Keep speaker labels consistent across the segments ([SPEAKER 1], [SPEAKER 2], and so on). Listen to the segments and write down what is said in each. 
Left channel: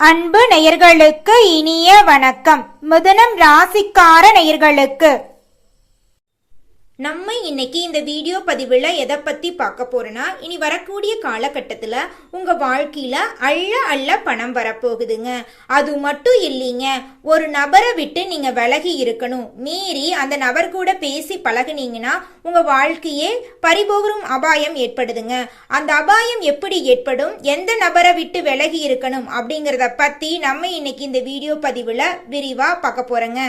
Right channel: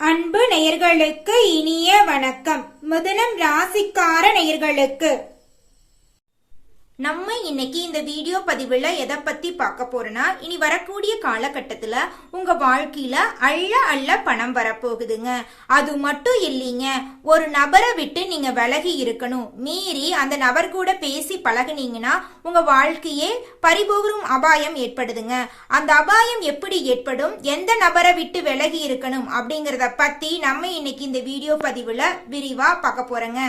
[SPEAKER 1] அன்பு நேயர்களுக்கு இனிய வணக்கம். முதனம் ராசிக்கார நேயர்களுக்கு.
[SPEAKER 2] நம்ம இன்னைக்கு இந்த வீடியோ பதிவில் எதை பற்றி பார்க்க போகிறோன்னா இனி வரக்கூடிய காலகட்டத்தில் உங்க வாழ்க்கையில அள்ள அள்ள பணம் வரப்போகுதுங்க. அது மட்டும் இல்லைங்க ஒரு நபரை விட்டு நீங்க விலகி இருக்கணும். மீறி அந்த நபர் கூட பேசி பழகுனீங்கன்னா உங்க வாழ்க்கையே பறிபோகும் அபாயம் ஏற்படுதுங்க. அந்த அபாயம் எப்படி ஏற்படும்? எந்த நபரை விட்டு விலகி இருக்கணும்? அப்படிங்கிறத பற்றி நம்ம இன்னைக்கு இந்த வீடியோ பதிவில் விரிவாக பார்க்க போறோங்க.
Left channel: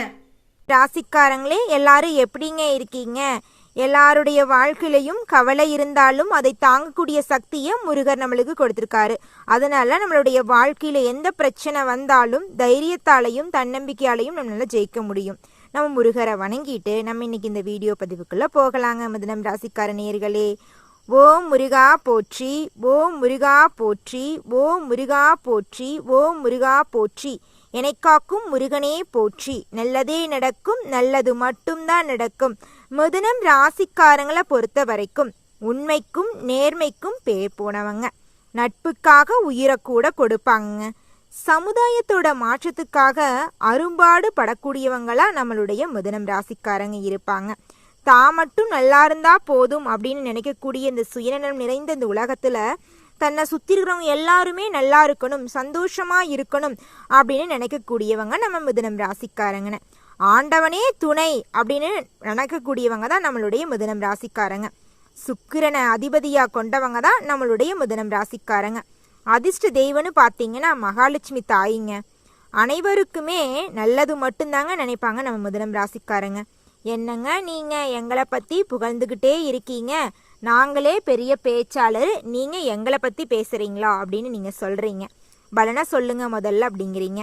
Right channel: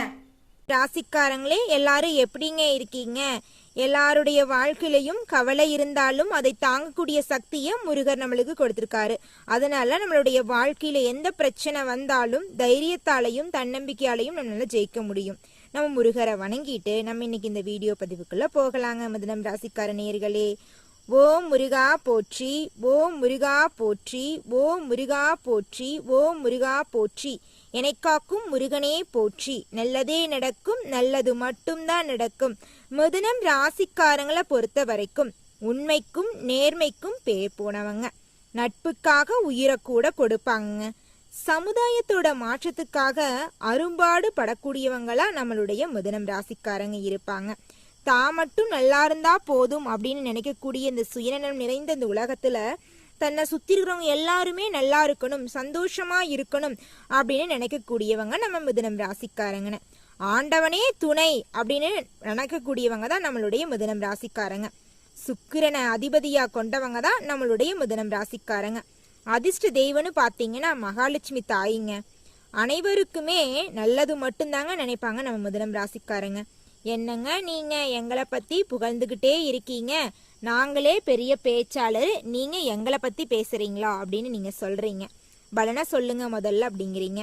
[SPEAKER 3] ராசிக்காரங்களே எல்லாரும் எப்படிங்க இருக்கீங்க? எல்லாருடைய வாழ்க்கையிலையும் கவலை இருந்தாலும் அதை தாங்கக்கூடிய சக்தியை முருகர் நம்மளுக்கு கொடுத்துருக்காரு. அதனால நம்மளுடைய வாழ்க்கையில எந்த பிரச்சனை வந்தாலும் தைரியத்தாலையும் தன்னம்பிக்கையாலையும் நம்மளால ஜெயிக்க முடியும். நம்ம முருகரை வணங்கிட்டு நம்ம இன்னைக்கு இந்த வீடியோ பதிவுக்குள்ள போகலாங்க மிதனம் ராசிக்கார நேர்களே ஓம் முருகா போற்றி ஓம் முருகா போற்றி ஓம் முருகா போற்றி ஓம் முருகா போற்றி. என்னை காக்கும் முருகனே போற்றி. நல்லதே நடக்கும் நல்லது மட்டும்தான் நடக்கும். மிதுனம் ராசிக்காரங்களை பொறுத்த வரைக்கும் உண்மைக்கும் நேர்மைக்கும் பேர் போனவங்க. நட்புக்காக உயிரை கூட கொடுப்பாங்க சமுதாயத்தோட மாற்றத்துக்காக அரும்பாடு படக்கூடியவங்களா நம்மளுடைய மிதுனம் ராசிக்காரங்க இருப்பாங்க. தான் மட்டும் நல்லா இருந்தா போதும் அப்படின்னு நினைக்கக்கூடிய இந்த சுயநலம் நிறைந்த இந்த உலகத்துல தன்னை சுற்றி இருக்கிறவங்க எல்லாருமே நல்லா இருக்கணும் சந்தோஷமா இருக்கணும். அப்படின்னு நினைக்கக்கூடியவங்க நம்ம மிதுனம் ராசிக்காரங்கன்னு. ஆண்டவனே துணை அப்படின்னு நினைக்கக்கூடியவங்க தான் நம்மளுடைய மிதுனம் ராசிக்காரங்க. சுக்கிரனை அதிபதியாக கொண்டவங்க தான் நம்மளுடைய மிதுனம் ராசிக்காரங்க. அதிர்ஷ்ட தெய்வம்னு பார்த்தீங்கன்னா மகாலட்சுமி தாயிங்க. அனைவருக்குமே நல்லது மட்டும்தாங்க நினைப்பாங்க நம்ம மிதுனம் ராசிக்காரங்க. என்னங்க நீங்கள் எங்களை பற்றி புகழ்ந்துக்கிட்டே இருக்கீங்க? நாங்களே பெரிய பேச்சாளர் நீங்கள் எங்களை பற்றி பேசுகிறீங்களா அப்படின்னு நீங்கள் சொல்கிறீங்க பலனா சொல்லுங்க முதல்ல அப்படிங்கிறீங்க.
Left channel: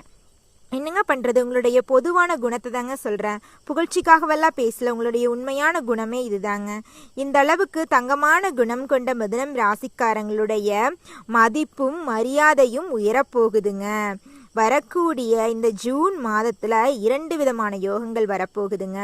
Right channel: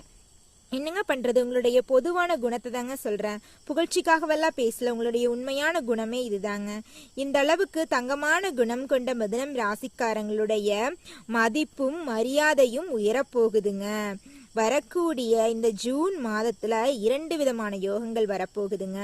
[SPEAKER 3] என்னங்க பண்ணுறது உங்களுடைய பொதுவான குணத்தை தாங்க சொல்கிறேன் புகழ்ச்சிக்காகவெல்லாம் பேசல. உங்களுடைய உண்மையான குணமே இதுதாங்க. இந்த அளவுக்கு தங்கமான குணம் கொண்ட மிதனம் ராசிக்காரங்களுடைய மதிப்பும் மரியாதையும் உயரப்போகுதுங்க. வரக்கூடிய இந்த ஜூன் மாதத்தில் இரண்டு விதமான யோகங்கள் வரப்போகுதுங்க.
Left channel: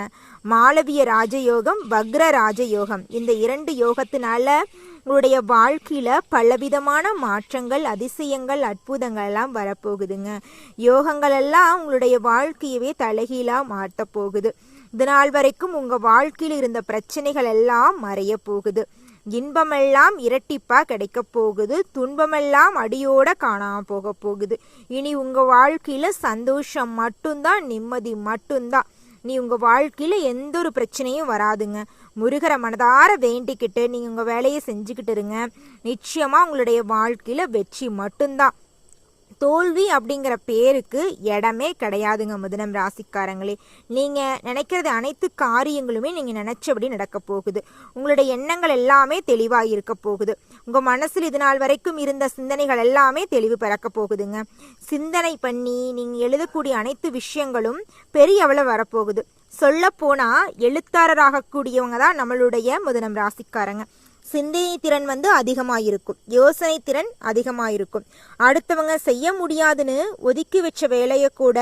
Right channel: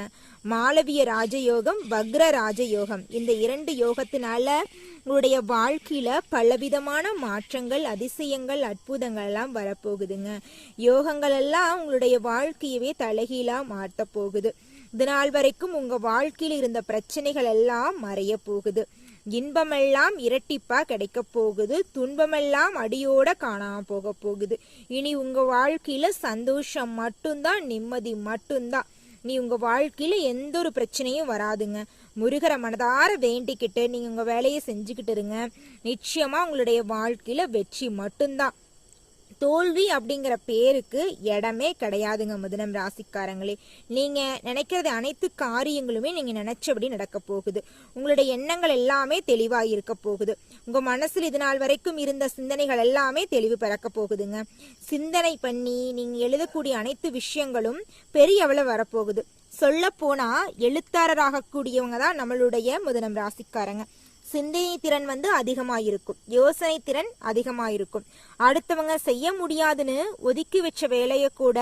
[SPEAKER 3] மாளவிய ராஜயோகம் வக்ர ராஜயோகம். இந்த இரண்டு யோகத்தினால உங்களுடைய வாழ்க்கையில பலவிதமான மாற்றங்கள் அதிசயங்கள் அற்புதங்கள் எல்லாம் வரப்போகுதுங்க. யோகங்கள் எல்லாம் உங்களுடைய வாழ்க்கையவே தலைகீழா மாற்ற போகுது. இது நாள் வரைக்கும் உங்க வாழ்க்கையில் இருந்த பிரச்சனைகள் எல்லாம் மறைய போகுது. இன்பமெல்லாம் இரட்டிப்பா கிடைக்க போகுது. துன்பமெல்லாம் அடியோட காணாம போக போகுது. இனி உங்க வாழ்க்கையில சந்தோஷம் மட்டும்தான் நிம்மதி மட்டும்தான். நீ உங்கள் வாழ்க்கையில் எந்த ஒரு பிரச்சனையும் வராதுங்க. முருகரை மனதார வேண்டிக்கிட்டு நீங்கள் உங்கள் வேலையை செஞ்சுக்கிட்டு இருங்க. நிச்சயமாக உங்களுடைய வாழ்க்கையில் வெற்றி மட்டும்தான். தோல்வி அப்படிங்கிற பேருக்கு இடமே கிடையாதுங்க மிதுனம் ராசிக்காரங்களே. நீங்கள் நினைக்கிறது அனைத்து காரியங்களுமே நீங்கள் நினச்சபடி நடக்க போகுது. உங்களுடைய எண்ணங்கள் எல்லாமே தெளிவாக இருக்க போகுது. உங்கள் மனசில் இது நாள் வரைக்கும் இருந்த சிந்தனைகள் எல்லாமே தெளிவு பிறக்க போகுதுங்க. சிந்தனை பண்ணி நீங்கள் எழுதக்கூடிய அனைத்து விஷயங்களும் பெரிய அளவு வரப்போகுது. சொல்ல போனால் எழுத்தாளராகக்கூடியவங்க தான் நம்மளுடைய முதனம் ராசிக்காரங்க. சிந்தனை திறன் வந்து அதிகமாக இருக்கும் யோசனை திறன் அதிகமாக இருக்கும் அடுத்தவங்க செய்ய முடியாதுன்னு ஒதுக்கி வச்ச வேலையை கூட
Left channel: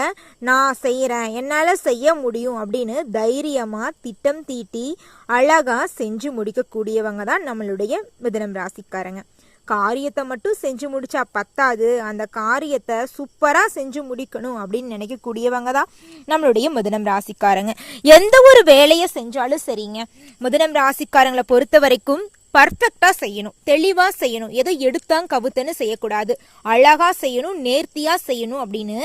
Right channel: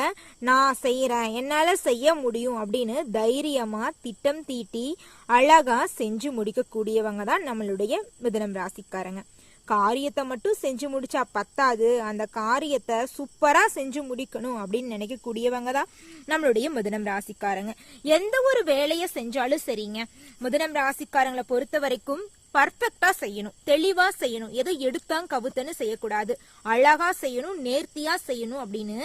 [SPEAKER 3] நான் செய்கிறேன் என்னால் செய்ய முடியும் அப்படின்னு தைரியமாக திட்டம் தீட்டி அழகாக செஞ்சு முடிக்கக்கூடியவங்க தான் நம்மளுடைய மிதனம் ராசிக்காரங்க. காரியத்தை மட்டும் செஞ்சு முடிச்சா பத்தாது. அந்த காரியத்தை சூப்பராக செஞ்சு முடிக்கணும் அப்படின்னு நினைக்கக்கூடியவங்க தான் நம்மளுடைய மிதனம் ராசிக்காரங்க. எந்த ஒரு வேலையை செஞ்சாலும் சரிங்க. மிதனம் ராசிக்காரங்களை பொறுத்த வரைக்கும் பர்ஃபெக்டா செய்யணும் தெளிவா செய்யணும். எதை எடுத்தான் கவுத்தன்னு செய்யக்கூடாது. அழகா செய்யணும் நேர்த்தியா செய்யணும் அப்படின்னு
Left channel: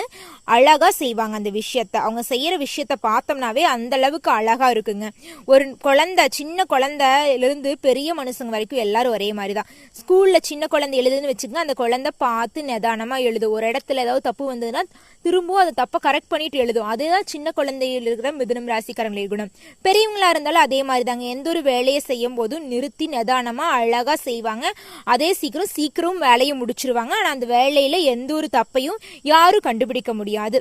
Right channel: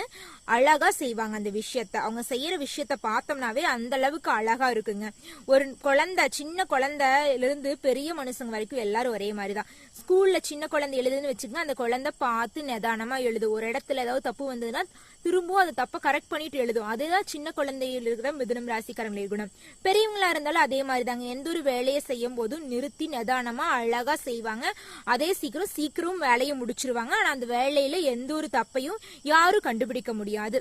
[SPEAKER 3] அழகா செய்வாங்க அந்த விஷயத்த. அவங்க செய்யற விஷயத்த பார்த்தோம்னாவே அந்த அளவுக்கு அழகா இருக்குங்க. ஒரு குழந்தை சின்ன குழந்தையிலிருந்து பெரிய மனுஷங்க வரைக்கும் எல்லாரும் ஒரே மாதிரி தான் ஸ்கூல்ல சின்ன குழந்தை எழுதுன்னு வச்சுக்கோங்க அந்த குழந்தை பார்த்து நிதானமா எழுது ஒரு இடத்துல ஏதாவது தப்பு வந்ததுன்னா திரும்பவும் அதை தப்பை கரெக்ட் பண்ணிட்டு எழுதும். அதுதான் சின்ன குழந்தையில் இருக்கிற மிதுனம் ராசிக்காரங்களின் குணம். பெரியவங்களா இருந்தாலும் அதே மாதிரி தாங்க எந்த ஒரு வேலையை செய்யும் போதும் நிறுத்தி நிதானமாக அழகா செய்வாங்க. அதே சீக்கிரம் சீக்கிரம் வேலையை முடிச்சிருவாங்க. ஆனா அந்த வேலையில் எந்த ஒரு தப்பையும் யாரும் கண்டுபிடிக்க முடியாது.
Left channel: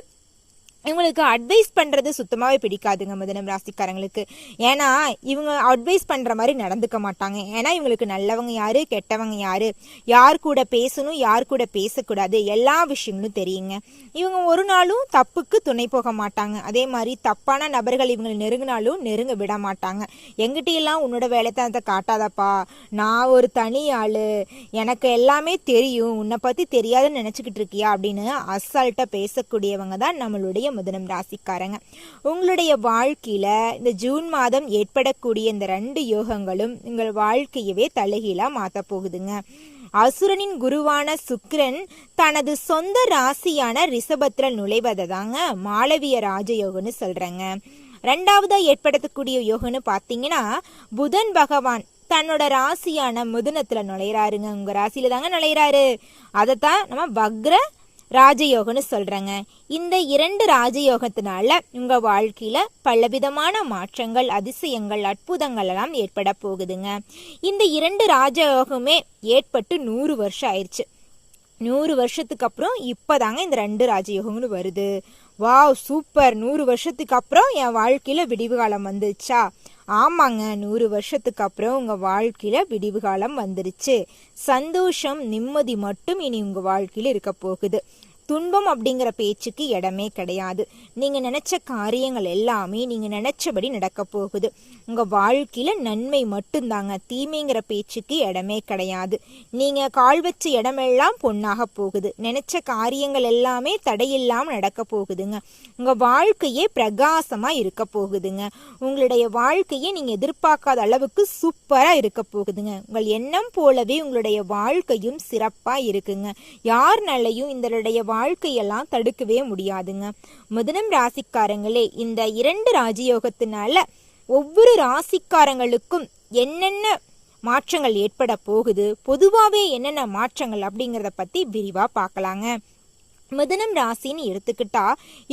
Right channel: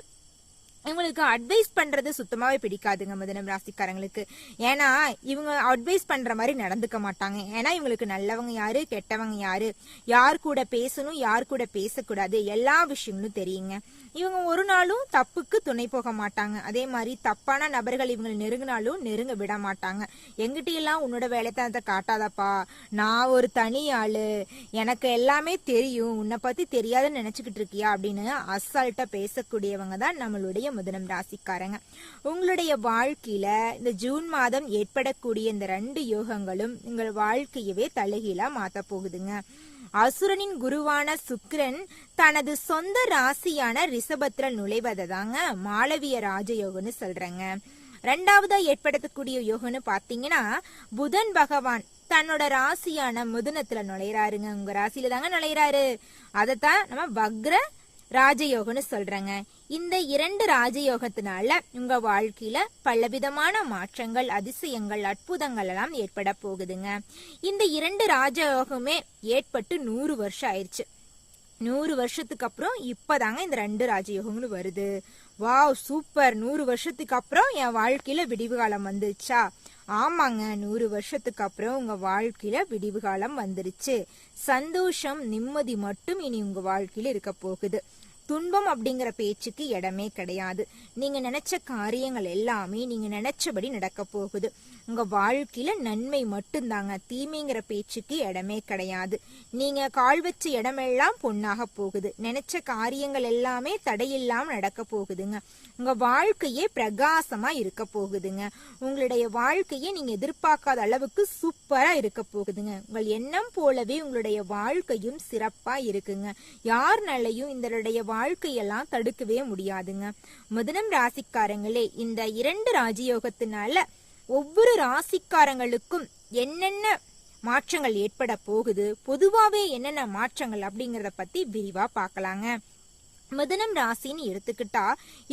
[SPEAKER 3] இவங்களுக்கு அட்வைஸ் பண்ணுறது சுத்தமாகவே பிடிக்காதுங்க மிதனம் ராசிக்காரங்களுக்கு. ஏன்னா இவங்க அட்வைஸ் பண்ணுற மாதிரி நடந்துக்க மாட்டாங்க. ஏன்னா இவங்களுக்கு நல்லவங்க யார் கெட்டவங்க யார்? யார் கூட பேசணும் யார் கூட பேசக்கூடாது? எல்லா விஷயங்களும் தெரியுங்க. இவங்க ஒரு நாளும் தப்புக்கு துணை போக மாட்டாங்க. அதே மாதிரி தப்பான நபர்கள் இவங்களை நெருங்கினாலும் நெருங்க விட மாட்டாங்க. எங்கிட்ட எல்லாம் உன்னோட வேலைத்தனத்தை காட்டாதப்பா. நான் ஒரு தனி ஆள். எனக்கு எல்லாமே தெரியும். உன்னை பற்றி தெரியாதுன்னு நினச்சிக்கிட்டு இருக்கியா? அப்படின்னு அசால்ட்டாக பேசக்கூடியவங்க தான் நம்மளுடைய மிதுனம் ராசிக்காரங்க. உங்களுடைய வாழ்க்கையில இந்த ஜூன் மாதம் ஏற்படக்கூடிய இந்த ரெண்டு யோகங்களும் உங்கள் வாழ்க்கையவே தலைகீழா மாத்த போகுதுங்க. அசுரனின் குருவான சுக்கிரன் தனது சொந்த ராசியான ரிஷபத்துல நுழைவதை தாங்க மாளவிய ராஜயோகம்னு சொல்றேங்க. ரெண்டாவதா ஏற்படுத்தக்கூடிய யோகம்னு பாத்தீங்கன்னா புதன் பகவான் தன்னோட ராசியான மிதுனத்துல நுழையிறாருங்க. உங்க ராசியில தாங்க நுழையிறாரு. அதைத்தான் நம்ம வக்ர ராஜயோகம்னு சொல்றேங்க. இந்த இரண்டு ராஜயோகத்தினால உங்க வாழ்க்கையில பலவிதமான மாற்றங்கள் அதிசயங்கள் அற்புதங்கள் எல்லாம் ஏற்பட போகுதுங்க. இந்த இரண்டு ராஜயோகமே ஏற்பட்டு நூறு வருஷம் ஆயிடுச்சு நூறு வருஷத்துக்கு அப்புறம் இப்பதாங்க இந்த ரெண்டு ராஜயோகங்களும் வருது. Wow super. நூறு வருஷத்துக்கு அப்புறம் என் வாழ்க்கையில விடிவு காலம் வந்துருச்சா? ஆமாங்க நூறு வருஷத்துக்கு அப்புறம் உங்க வாழ்க்கையில விடிவு காலம் வந்துருச்சு. சந்தோஷம் நிம்மதி மட்டும் இனி உங்க வாழ்க்கையில இருக்க போகுது. துன்பம் அப்படிங்கிற பேச்சுக்கு இடமே கிடையாது. நீங்க நினைச்ச காரியங்கள் எல்லாமே நீங்க நினைச்சபடி நடக்க போகுது. உங்கள் வாழ்க்கையில் நன்மை மட்டும்தாங்க. தீமைங்கிற பேச்சுக்கு இடமே கிடையாது. நீங்கள் கால் வச்ச இடமெல்லாம் பொண்ணாக போகுது. நினச்ச காரியங்கள் எல்லாமே தடையில்லாமல் நடக்க போகுதுங்க. உங்கள் வாழ்க்கையே பிரகாசமாக இருக்க போகுதுங்க. உங்களுடைய வாழ்க்கையை நீங்கள் எதிர்பார்க்காத அளவுக்கு சூப்பராக இருக்க போகுதுங்க. உங்கள் எண்ணம் போலவே உங்களுடைய வாழ்க்கையும் சிறப்பாக இருக்குங்க. யார்னாலையும் இதனுடைய வாழ்க்கையெல்லாம் தடுக்கவே முடியாதுங்க. முதனம் ராசிக்காரங்களே இந்த இரண்டு ராஜயோகத்தினால ஒவ்வொரு ராசிக்காரங்களுக்கும் என்னென்ன மாற்றங்கள் ஏற்பட போகுது? பொதுவாகவே என்னென்ன மாற்றங்கள் அப்படிங்கிறத பற்றி விரிவாக பார்க்கலாங்க. மிதனம் ராசின்னு எடுத்துக்கிட்டா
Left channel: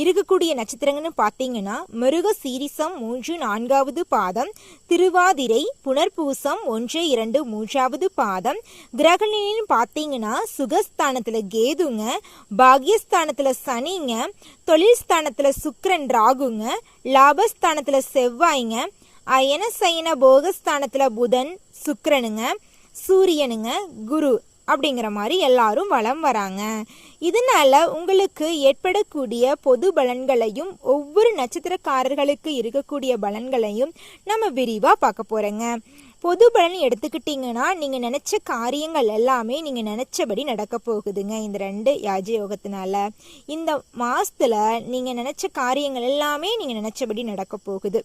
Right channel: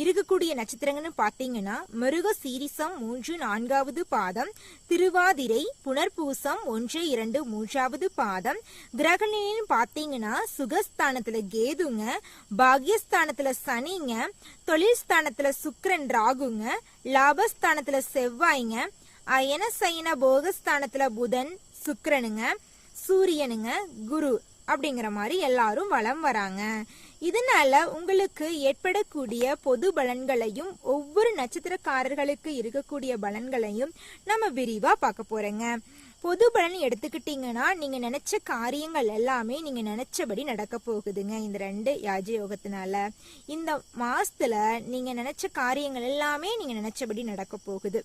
[SPEAKER 3] இருக்கக்கூடிய நட்சத்திரங்கள்னு பார்த்தீங்கன்னா மிருக சீரிசம் மூன்று நான்காவது பாதம் திருவாதிரை புனர்பூசம் ஒன்று இரண்டு மூன்றாவது பாதம். கிரகணின்னு பார்த்தீங்கன்னா சுகஸ்தானத்தில் கேதுங்க பாக்யஸ்தானத்தில் சனிங்க தொழில் ஸ்தானத்தில் சுக்கரன் ராகுங்க லாபஸ்தானத்தில் செவ்வாய்ங்க அயன சயன போகஸ்தானத்தில் புதன் சுக்கரனுங்க சூரியனுங்க குரு அப்படிங்கிற மாதிரி எல்லாரும் வலம் வராங்க. இதனால உங்களுக்கு ஏற்படக்கூடிய பொது பலன்களையும் ஒவ்வொரு நட்சத்திரக்காரர்களுக்கு இருக்கக்கூடிய பலன்களையும் நம்ம விரிவா பார்க்க போறோங்க. பொது பலன் எடுத்துக்கிட்டீங்கன்னா நீங்கள் நினச்ச காரியங்கள் எல்லாமே நீங்கள் நினச்சபடி நடக்க போகுதுங்க இந்த ரெண்டு யாஜ யோகத்தினால இந்த மாதத்தில் நீங்கள் நினச்ச காரியங்கள் எல்லாமே நீங்கள் நினச்சபடி நடக்க போகுது.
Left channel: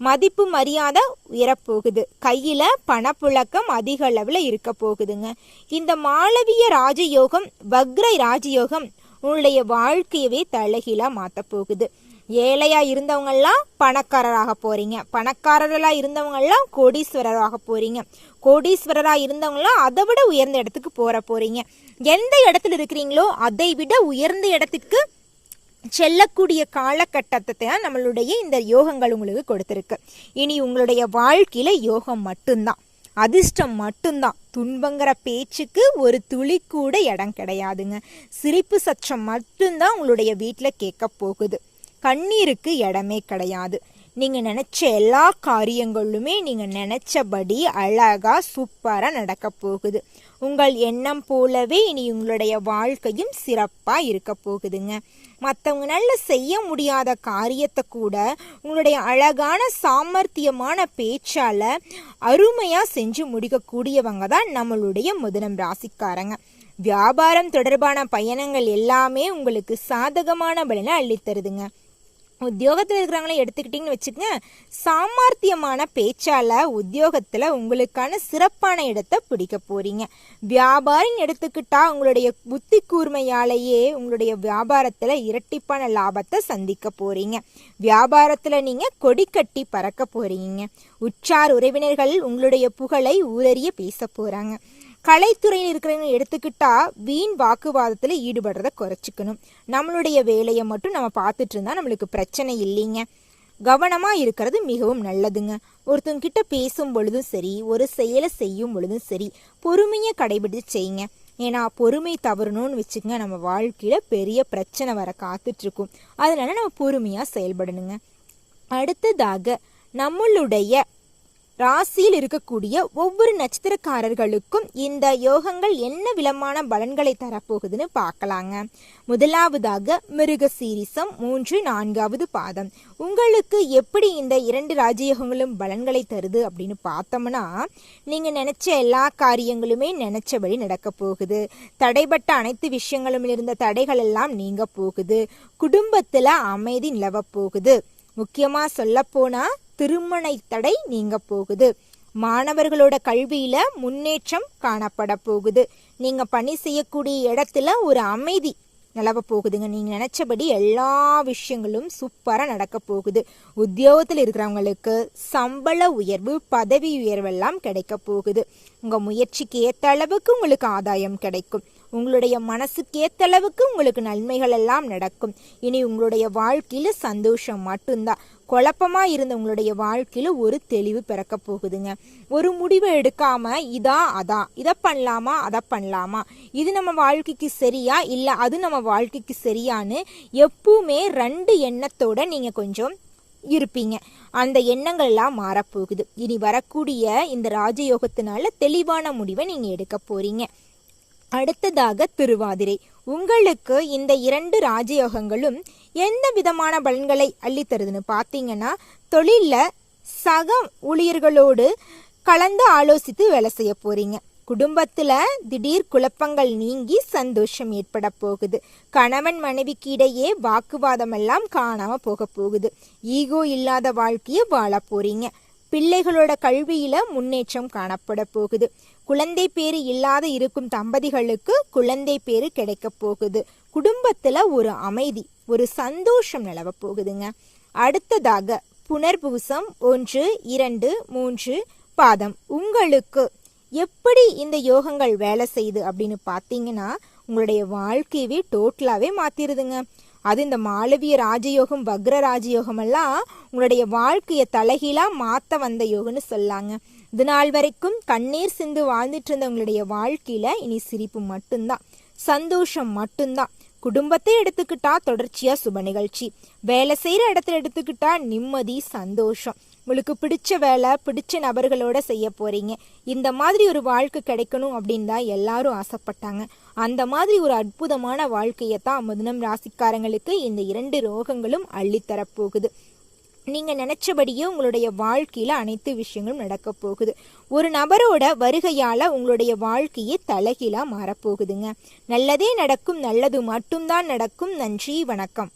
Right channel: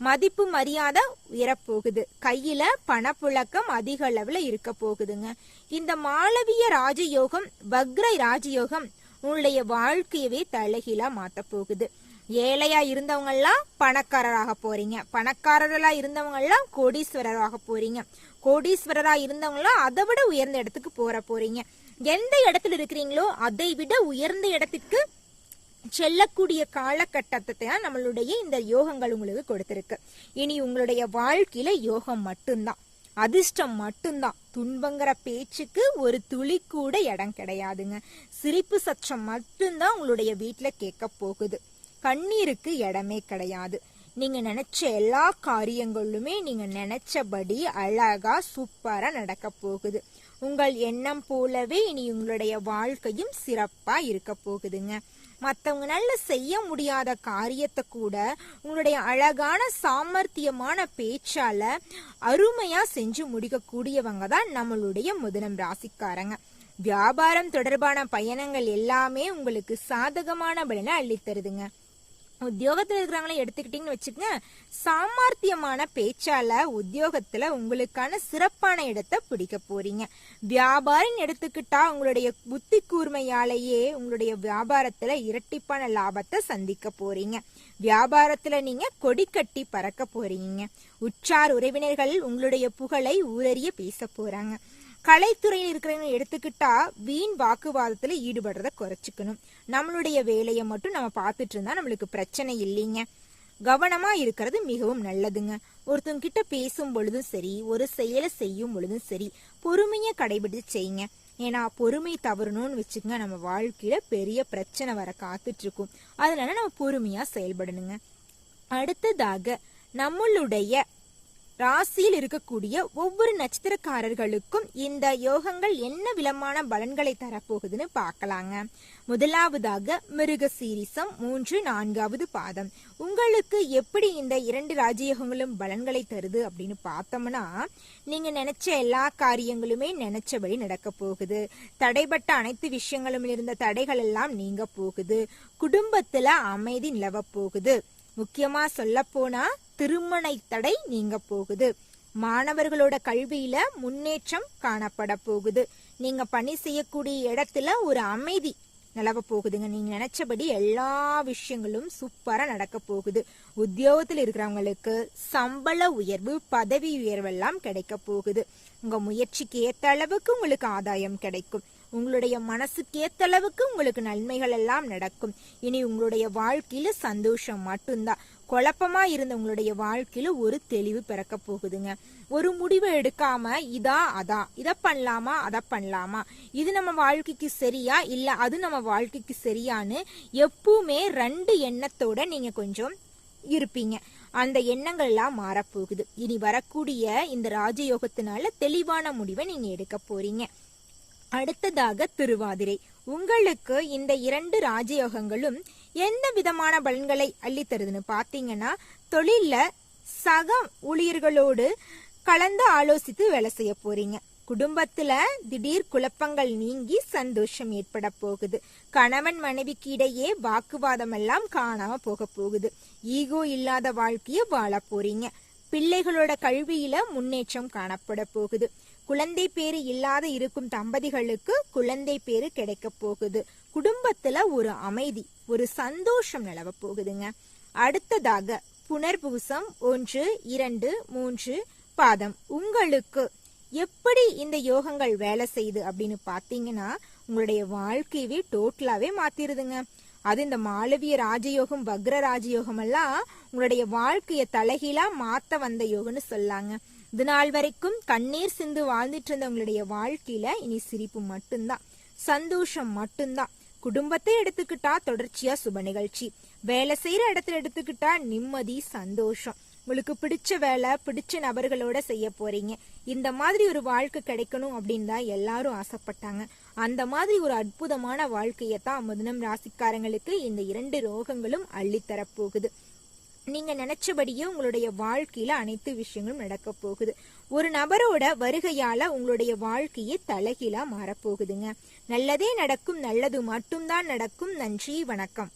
[SPEAKER 3] மதிப்பு மரியாதை உயரப்போகுது. கையில் பணப்புழக்கம் அதிக அளவில் இருக்க போகுதுங்க. இந்த மாளவிய ராஜயோகம் வக்ர ராஜயோகம் உங்களுடைய வாழ்க்கையவே தலைகீழாக மாத்த போகுது. ஏழையாக இருந்தவங்கெல்லாம் பணக்காரராக போகிறீங்க பணக்காரர்களாக இருந்தவங்கெல்லாம் கோடீஸ்வரராக போகிறீங்க கோடீஸ்வரராக இருந்தவங்களாம் அதை விட உயர்ந்த இடத்துக்கு போகிற போகிறீங்க எந்த இடத்துல இருக்கிறீங்களோ அதை விட உயர்ந்த இடத்துக்கு செல்லக்கூடிய காலகட்டத்தை தான் நம்மளுடைய இந்த யோகங்கள் உங்களுக்கு கொடுத்துருக்கு. இனி உங்களுடைய வாழ்க்கையில் யோகம் மட்டும்தான். அதிர்ஷ்டம் மட்டும்தான். துன்பங்கிற பேச்சுக்கு ஒரு துளி கூட இடம் கிடையாதுங்க. சிரிப்பு சச்சம் மட்டும்தான் உங்களுடைய வீட்டில் கேட்க போகுது. கண்ணீருக்கு இடமே கிடையாது. நீங்க நினைச்ச எல்லா காரியங்களுமே நீங்க நினைச்சபடி அழகா சூப்பரா நடக்க போகுது. உங்கள் எண்ணம் போலவே இனி உங்களுடைய வாழ்க்கையும் சிறப்பா இருக்க போகுதுங்க. மற்றவங்களால செய்ய முடியாத காரியத்தை கூட உங்களுடைய அழகான சாமர்த்தியமான பேச்சால அருமையா செஞ்சு முடிக்கக்கூடியவங்க தான் நம்மளுடைய முதனம் ராசிக்காரங்க. வியாபாரம் தொடர்பான பயணங்கள் எல்லாமே உங்களுக்கு சாதகமான பலனை அள்ளித்தருதுங்க உத்தியோகத்தில் இருக்கிறவங்கள எடுத்துக்கிட்டிங்கன்னு வச்சுக்கோங்க சாமர்த்தியமான பேச்சால் உத்தியோகத்தில் உங்களுக்கான சிறப்பான இடத்தை பிடிக்க போகிறீங்க வியாபாரின்னு எடுத்துக்கிட்டா உங்களுடைய புத்தி கூர்மையாலேயே உங்களுடைய வியாபாரத்தில் இரட்டிப்பான லாபத்தை சந்திக்க போகிறீங்க வியாபாரத்தில் நீங்கள் கொடி கட்டி பறக்க போகிறீங்க உற்றார் உறவினர்கள் உங்களுடைய புகழை ஊரறிய பேச போகிறாங்க கலைத்துறையில் இருக்கிறவங்க எடுத்துக்கிட்டா வீண் வாக்குவாதத்தில் ஈடுபடுறத குறைச்சிக்கணும். நம்மளுடைய வேலையை மட்டும் நம்ம பார்த்துட்டு இருந்தா நம்மளுக்கு பிரச்சனை இல்லைங்க. கவனமாக இருக்கிறது மிகவும் நல்லதுங்க. ஒருத்தவங்க கிட்ட பேசும் பொழுதும் சரி ஒரு செயலை செய்யும் பொழுதும் சரி பொறுமையை கடைபிடித்து செய்யுங்க. ஏன்னா பொறுமை தவறணும்னு வச்சுக்கோங்க நம்ம வாழ்க்கையில் பெரிய பிரச்சனை வர காத்துட்டு அதனால நம்ம பொறுமையாக செயல்படணுங்க. அடுத்ததாக நம்மளுடைய ராசியில் இருக்கக்கூடிய ஒவ்வொரு நட்சத்திரக்காரர்களுக்கும் இந்த யோகங்கள் என்ன விதமான பலன்களை தரப்போகுதுன்னு பார்க்கலாங்க. முதலாவதாக மிருக சீரிசம் மூன்று நான்காவது பாதம். உங்களுக்கு எப்படி இந்த இரண்டு ராஜயோகங்களும் பலன்களை தருது அப்படின்னு பார்த்தோம்னா நீங்க நினைச்ச எல்லா காரியங்களுமே நினைச்சபடி நடக்க போகுது. தடைப்பட்ட அனைத்து விஷயங்களும் இருந்த தடைகள் எல்லாம் நீங்க போகுது. குடும்பத்துல அமைதி நிலவ போகுது. முக்கியமா சொல்ல போனா திருமண தடை நீங்க போகுது. மாணவர்களோட கல்வியில முன்னேற்றம் காணப்பட போகுது. நீங்க பணி செய்யக்கூடிய இடத்துல ஒரு அமைதி நிலவ போகுதுங்க. நீங்க நினைச்சபடி எல்லா விஷயங்களும் சூப்பரா நடக்க போகுது. உத்தியோகத்தில் இருக்கிறவங்களுக்கு சம்பள உயர்வு பதவி உயர்வெல்லாம் கிடைக்க போகுது. உங்க முயற்சிக்கு ஏற்ற அளவுக்கு உங்களுக்கு ஆதாயம் கிடைக்கும். உங்களுடைய மனசுக்கேத்தளவுக்கு அளவுக்கு உங்களுக்கு நன்மைகள் எல்லாம் நடக்கும். இனி உங்களுடைய வாழ்க்கையில சந்தோஷம் மட்டும்தான். குழப்பமா இருந்த உங்களுடைய வாழ்க்கையில ஒரு தெளிவு பிறக்க போகுதுங்க. ஒரு முடிவு எடுக்காம இதா அதா இதை பண்ணலாமா அதை பண்ணலாமா? இது நம்ம வாழ்க்கைக்கு சரியா இல்ல அது நம்ம வாழ்க்கைக்கு சரியான்னு எப்பவுமே ரெண்டு எண்ணத்தோட நீங்க கொஞ்சம் இருப்பீங்க. அந்த எண்ணங்கள்லாம் மாறப்போகுது. இனி வரக்கூடிய இந்த ராஜயோகத்தினால தெளிவான முடிவை நீங்க எடுக்க போறீங்க. அடுத்ததாக திருவாதிரை. உங்களுக்கு இந்த இரண்டு ராஜயோகங்களும் எந்த விதமான பலன்களை அள்ளித்தருதுன்னு பார்த்தீங்கன்னா தொழில்ல சக ஊழியர்களோடு கலந்து ஆலோசித்து வேலை செய்ய போறீங்க. குடும்பத்துல திடீர் குழப்பங்கள் நீங்கி சந்தோஷம் ஏற்பட போகுது. கணவன் மனைவிக்கு இடையே வாக்குவாதம் எல்லாம் காணாம போக போகுது. ஈகோ இல்லாத வாழ்க்கைய வாழ போறீங்க. பிள்ளைகளோட கல்வியில முன்னேற்றம் காணப்பட போகுது. குழந்தை பேரு இல்லாத இருக்கும் தம்பதிகளுக்கு குழந்தை பேரு கிடைக்க போகுது. குடும்பத்துல ஒரு அமைதி ஒரு சந்தோஷம் நிலவ போகுதுங்க. அடுத்ததாக புனர்பூசம் ஒன்று இரண்டு மூன்று பாதம். உங்களுக்கு எப்படி இந்த யோகங்கள் வேலை செய்யுது அப்படின்னு பார்த்தீங்கன்னா உங்களுடைய வாழ்க்கையவே டோட்டலாகவே மாத்திருதுங்க. அது இந்த மாளவிய ராஜயோகம் வக்ர ராஜயோகம் எல்லாம் உங்களுடைய வாழ்க்கையை தலைகீழா மாத்த வந்த யோகம்னு சொல்லாங்க. இது நாள் வரைக்கும் கண்ணீர் சிந்து வாழ்ந்துட்டு இருந்தவங்களுடைய வாழ்க்கையில இனி சிரிப்பு மட்டும்தான் சந்தோஷம் மட்டும்தான். குடும்பத்தை எடுத்துக்கிட்டா தொடர்ச்சியா சுப நிகழ்ச்சி வேலை செய்யற இடத்துல எடுத்துக்கிட்டா நிம்மதி சந்தோஷம். உங்களுக்கு பிடிச்ச வேலை பிடிச்ச நபர்களோட செய்ய போறீங்க. இந்த மாதிரி ஒரு வாழ்க்கை கிடைக்கணும் அப்படின்னு தான் எல்லாரும் ஆசைப்பட்டாங்க. அந்த மாதிரி ஒரு அற்புதமான வாழ்க்கையை தான் முதனம் ராசிக்காரங்களுக்கு இந்த இரண்டு ரோகங்களும் அள்ளித்தரப்போகுது. நீங்கள் நீங்க நினைச்சபடியே உங்களுடைய வாழ்க்கையில அனைத்து விஷயங்களும் நடக்க போகுது. ஒரு நபரோட வருகையால உங்களுடைய வாழ்க்கையே தலைகீழா மாறப்போகுதுங்க நல்லதே நடக்கும் நல்லது மட்டும்தான் நடக்கும். நன்றி வணக்கம்.